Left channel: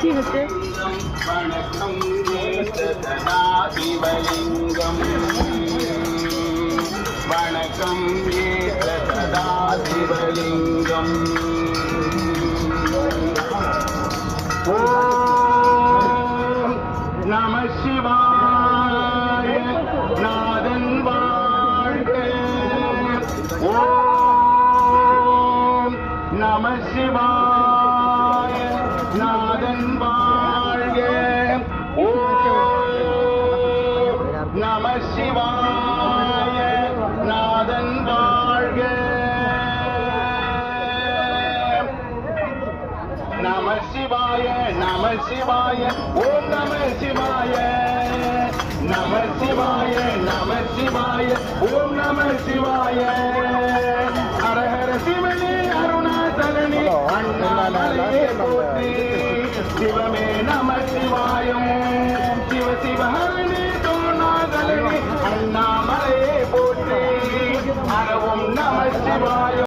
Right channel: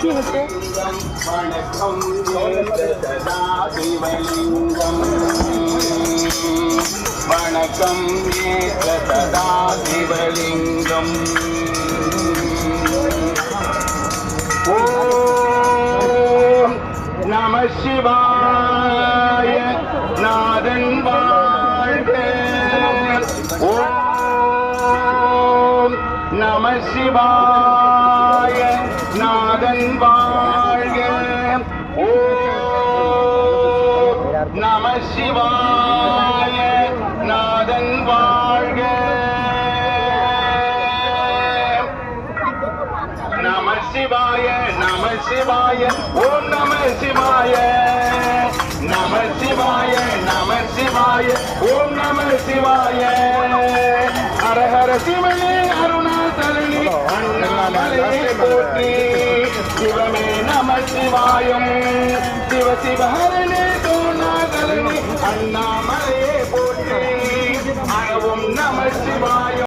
வணக்கம் சதா சிவலிங்கம் வணக்கம் சதா சிவலிங்கம் ஓம் நம சிவாய நாதன் வாழ்க ஓம் நம சிவாய நாதன் வாழ்க ஓம் நம சிவாய நாதன் வாழ்க நம சிவாய நம சிவாய ஓம் நம சிவாய நம சிவாய நம சிவாய ஓம் நம சிவாய ஹர ஹர சிவனே அருணாசலனே அண்ணாமலையே போற்றி சிவமே நம சிவாயம் சிவ சிவ ஹரணே தோணாகலனே அண்ணாமலை